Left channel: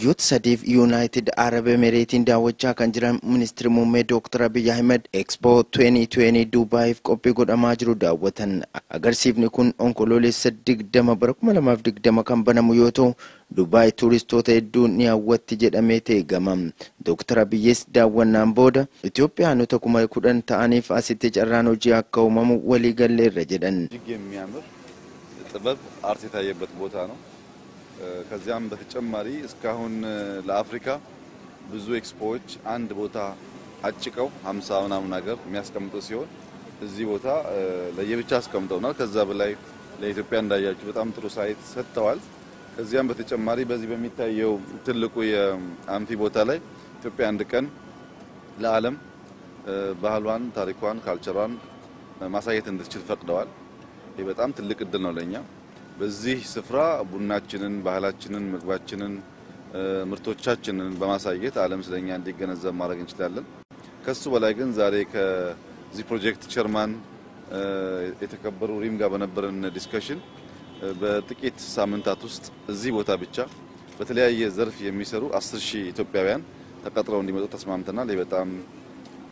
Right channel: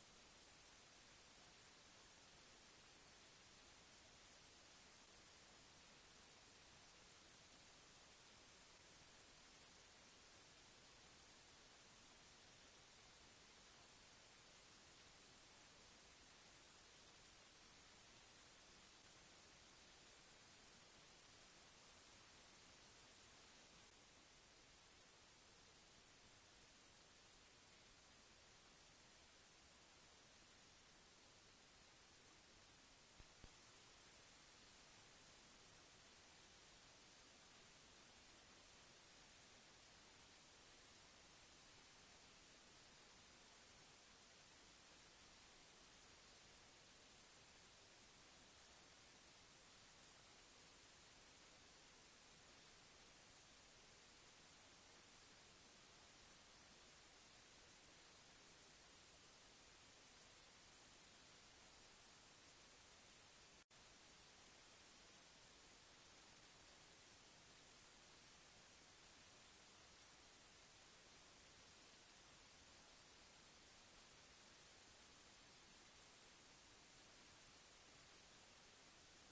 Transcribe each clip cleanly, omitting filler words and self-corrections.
Biyyoota sadiif United Arab Emirates daawwachaa kan jiran Ministira Muummee Dr.Abiyyi Ahimad Expo 2020 Dubaayiif qophii godhamaa jiru daawwatan. Agarsiifni kun onkoloolessa 20 bara 2020 kan banamu yoo ta'u Dubaay tuuristoota hedduun ni hawwatti jedhamee eegama. Dr.Abiyyis daawwannaan booda Itoophiyaanota 10,000 ta'aniif asitti carraan hojii akka uumamu walii galleerra jedhan. ጥበብ አርት የታየበት ቦታ ነው። ከዚያም በተጨማሪ እስካሁን ለአፍሪካ ብዙ ኤክስፖዎች አንድ ቦታ አጭቀው 50 ምናምን ሀገር የሚያስቀምጡ ሲሆን እዚህ ቦታ ለየብቻ አስቀምጠውናል። ከዛ በላይ ለኢትዮጵያ እንዳያችሁ በጣም ጥሩ ሳይት ሰጥተዋል። ከዚያም በተጨማሪ በዚህ በሚታየው ትልቁ የአምፊ ቦታ ላይ ኢትዮጵያ አንድ ቀን ለዓለም ባህሏን፣ ታሪኳን፣ ካልቸሯን ማሳየት እንድትችል ፈቅደዋል። ይህ በጣም ትልቅ እድል ነው ለኛ። በዚህ ስፍራ ቡናችንን፣ ባህላችንን፣ ምግባችንን፣ ምርቶቻችንን በማሳየት ዓለም ስለኛ እንዲገነዘብ ማድረግ እንችላለን። ከሱ በላይ ግን ዛሬ ከዚህ ፕሮጀክት ቸርማን የተከበሩ ሪም ጋር በነበረን ዲስከሽን በጥቂት ሳምንታት ውስጥ እዚህ ቦታ ብቻ በተለያየ ዘርፍ የሚሰሩ 10,000 ኢትዮጵያውያን ተቀጥረው እንዲመጡ ተስማምተናል። ይህ በጣም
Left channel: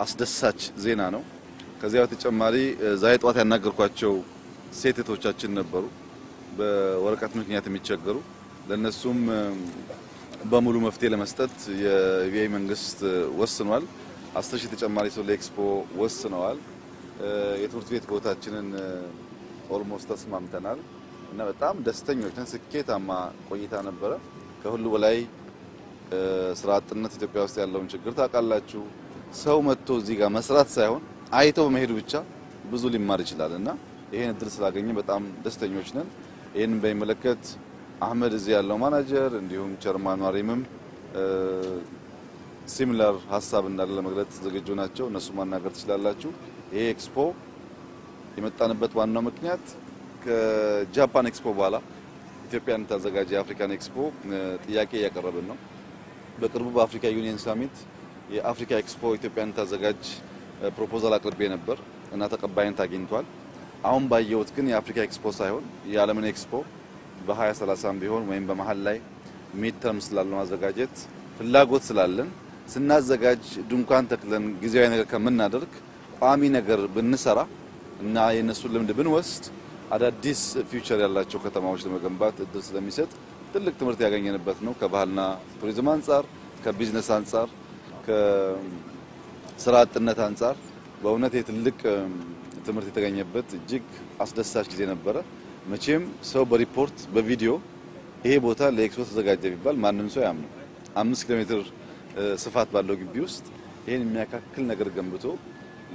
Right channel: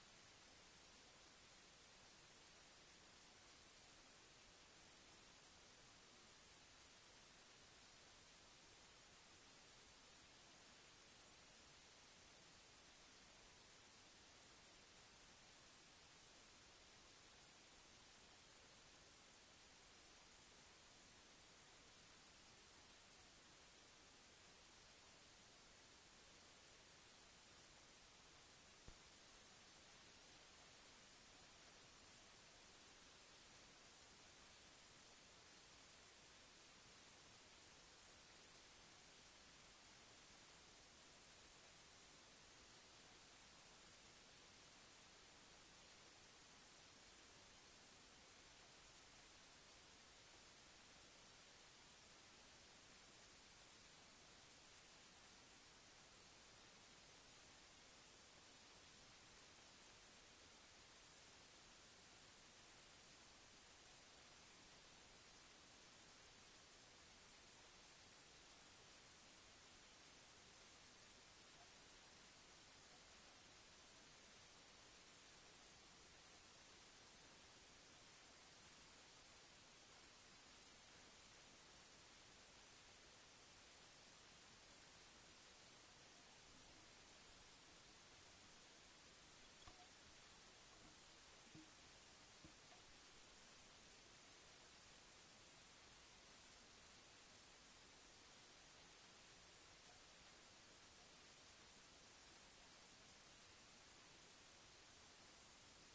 አስደሳች ዜና ነው። ከዚያ በተጨማሪ ዛሬ ጧት ያናገርኳቸው ሴቶቻችን ነበሩ በወረቀት ምክንያት የሚቸገሩ ለነሱም በሙሉ መፍትሄ ለመስጠት የቪአይ መንግስት ወስኗል። 10,000 ተጨማሪ ሰው ለኤክስፖ ወስነዋል። የትምህርት ቤት ቦታችንን ኦልሞስት ተስማምተናል እና በጣም ደስተኞች ነን። ስኬታማ ቆይታ ነበረ። ከሁሉ በላይ ስራ አጥነት ኢትዮጵያ ውስጥ ያለውን ችግር ታውቃላችሁ። ሰው መጥቶ እዚህ ጋር መስራት ሳይሆን አይቶ በመሄዱ ብቻ ብዙ ሊማር ይችላልና ይሄን እድል ስላገኘ በጣም ደስተኞች ነን። ይሄን በሚመለከት አህመድ እዚህ ያለው ማናጀር እንዲሁም ቸርማኑ ሪምም ሲሚላር ሐሳብ እንዳለ ለመግለጽ ዝግጁ ናቸው። እነሱ ማናገር ትችላላችሁ። ይሄ ኤክስፖ የመጣንበት ዋናው ምክንያት ከጃፓን ኤክስፖ በኋላ ኢትዮጵያን ታዘጋጅ የአፍሪካን ኤክስፖ ጥያቄ ያቀረብን ነው። በቅርቡ በአፍሪካ ዩኒየን ሳሚት የአፍሪካ ኤክስፖ ኢትዮጵያን ታዘጋጅ ፕሮፖዛል አቅርቤ ነበር እና ተቀባይነት አግኝቷል። አሁን ባየሁት ግን የአፍሪካ ኤክስፖ ሳይሆን የዓለምን ኤክስፖ በ2030 ቢሆን ወይም በመሃል ላይ ሚድ ተርም ስላለው ማዘጋጀት ፍላጎት ስላለን ስናዘጋጅ ድንኳን ተክለን ጊዜያዊ ነገር ከምናደርግ ቋሚ ነገር ብንሰራ እና የነሱ ልምድ ብንወስድ አዳዲስ ፊውቸር ያላቸው ከተማዎች ለመገንባት እድል ስለሚሰጥ ትልቅ ትምህርት ያገኘንበት ነው። ከባህልና ቱሪዝም አንፃር፣ ከቢዝነስ አንፃር፣ ከስራ አጥነት አንፃር በእውነት የትልቅ ትምህርት የተገኘበት እጅግ አስደሳች ጊዜ ነበረ። መቼም ሰው በሪፖርት በቪዲዮ ይሄ ቦታ ለኤክስፖ ተዘጋጀ ቢባል ማንንም ሰው ያምነው 5 ኪሎ ሜትር ስፋት ባለው ግቢ ውስጥ ይሄን የሚያካክል ነገር ገንብቶ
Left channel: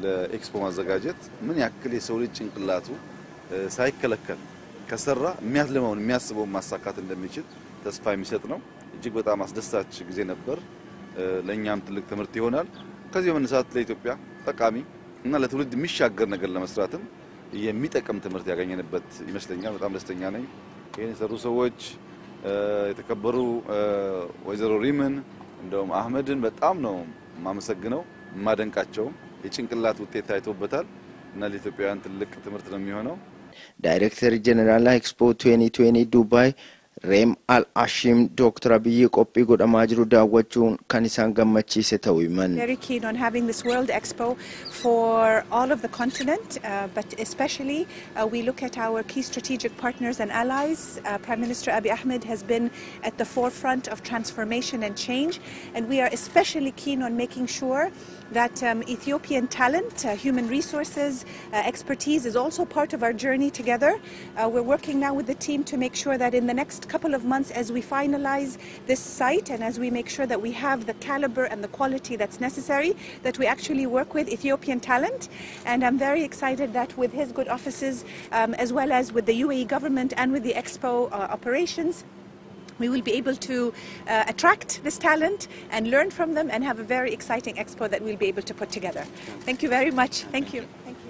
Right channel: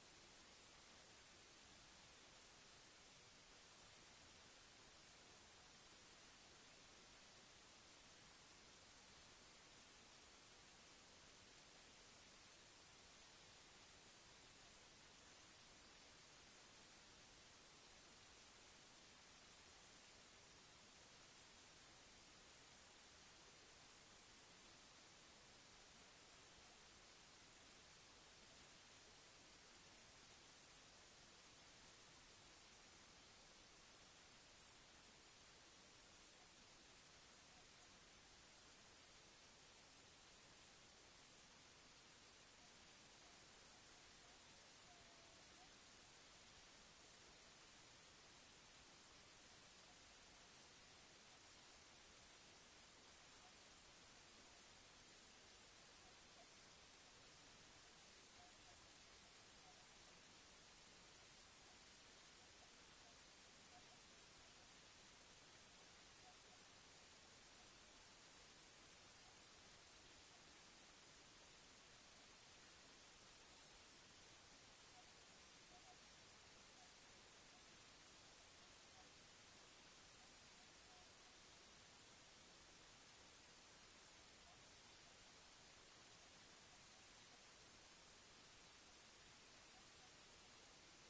ለኤክስፖ ማዘጋጀት ምን ያክል የሰው ልጅ ጭንቅላቱ ሳይከለከል ከሰራ የሚያስለማውን የሚያስበው ማሳካት እንደሚችል ተስፋ የሚሰጥ ነው። እጅግ በጣም አስደሳች ጊዜ ነበር። ለኛም ትልቅ ትምህርት ይሆናል። ከዚህ በመነሳት ለኢትዮጵያ ጠቃሚ እና ለትውልድ የሚሻገር ነገር ለመስራትም የሚጠቅም ትምህርት ያገኘንበት ይመስለኛል። በጣም ደስተኛ ነኝ። ይሄን የሰሩ ሰዎች የተከበሩ ወይዘሮ ሪምን እንደውም አህመድን በጣም ነው ማመሰግነው። ማደንቃቸው የጭንቅላት ውጤት ታይቶበታል እና ለኢትዮጵያውያን ትልቅ ትምህርት ነው የሚሆነው። ዳይሬክተር ጀነራል ኤክስፖ 2020 ዱባይ Reem Al-Ashim Dr.Abiyyi qophii godhamaa jiru daawwachuun kan isaan gammachiise ta'uu himan. Very keen on having this World Expo for all of the continent, but especially we look at our key strategic partners and allies. Prime Minister Abiy Ahmed has been at the forefront of transformation and change, and we are especially keen on making sure that Ethiopian talent, human resources, expertise is also part of our journey together. We're working now with the team to make sure that in the next couple of months, as we finalize this site and as we make sure that we have the caliber and the quality that's necessary, that we actually work with Ethiopian talent. And I'm very excited that with his good offices, as well as with the UAE government and with the Expo operations, we will be able to attract this talent and learn from them and have a very exciting expo that we'll be able to put together. Thank you very much. Thank you. Thank you.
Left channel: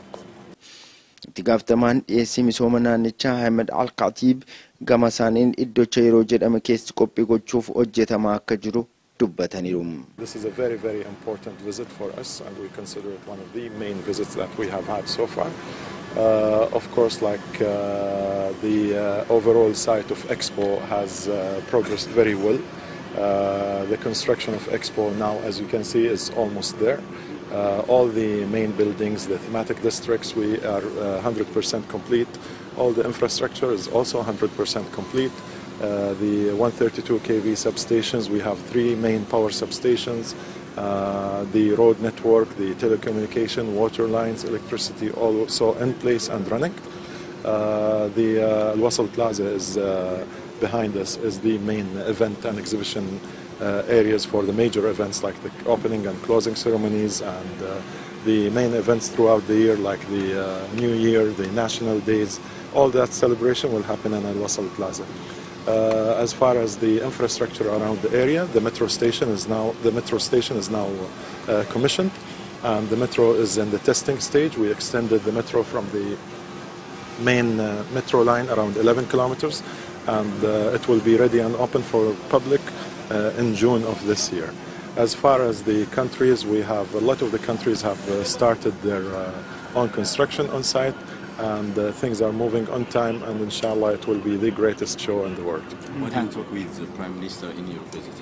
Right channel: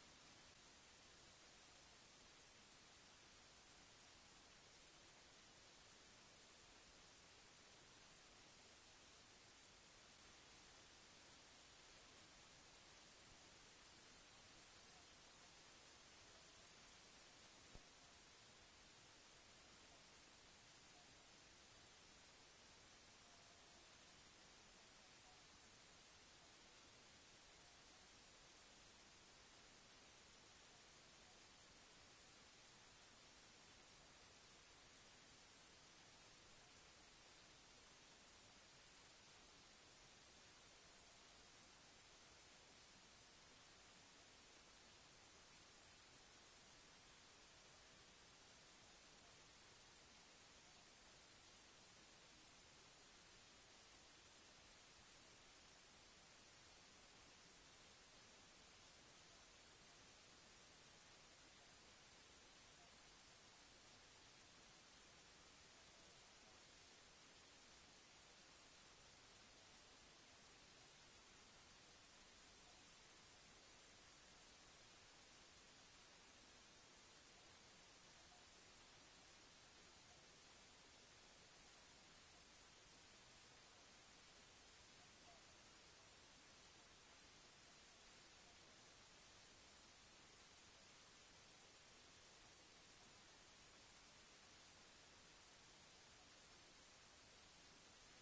Tigaftaman dhiyeessii misooma naannichaa Ahimad Al-Khatib gama isaaniin iddocha yeroo jedhame keessatti qophii gochuuf hojjetamaa akka jiru dubbataniiru. This is a very, very important visit for us, and we consider it one of the main visits that we have had so far. Of course, the overall site of Expo has progressed very well. The construction of Expo now, as you can see, is almost there. All the main buildings, the thematic districts, we are 100% complete. All the infrastructure is also 100% complete. The 132 kV substations, we have 3 main power substations. The road network, the telecommunication, water lines, electricity, also in place and running. The Al-Wasl Plaza is behind us, is the main event and exhibition areas for the major events like the opening and closing ceremonies and the main events throughout the year like the New Year, the National Days. All that celebration will happen in Al-Wasl Plaza. As far as the infrastructure around the area, the metro station is now commissioned, and the metro is in the testing stage. We extended the metro from the main metro line around 11 kilometers, and it will be ready and open for public in June of this year. As far as the countries, we have a lot of the countries have started their own construction on site, and things are moving on time, and inshallah it will be the greatest show in the world. What did you talk with the Prime Minister in your visit?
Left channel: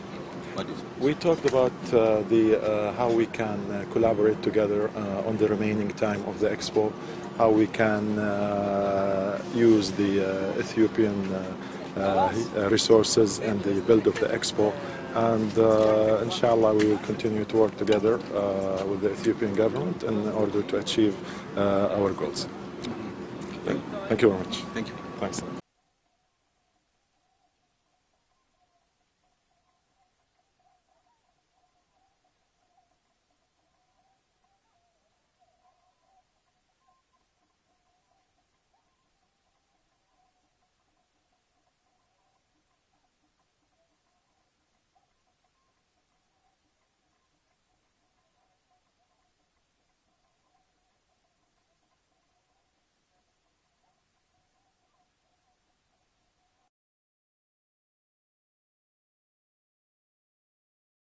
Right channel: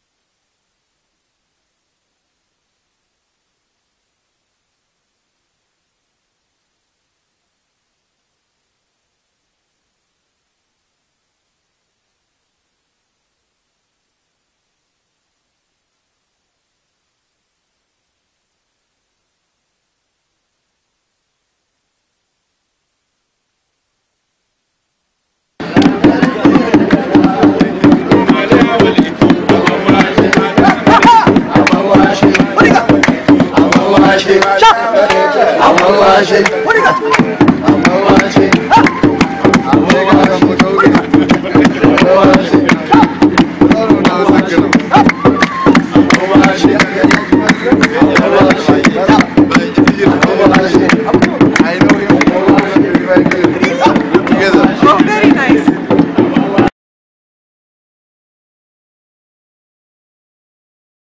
What is it? We talked about how we can collaborate together on the remaining time of the Expo, how we can use the Ethiopian resources and the build of the Expo, and inshallah we will continue to work together with the Ethiopian government in order to achieve our goals. Thank you very much. Thank you. Thanks. What do you got?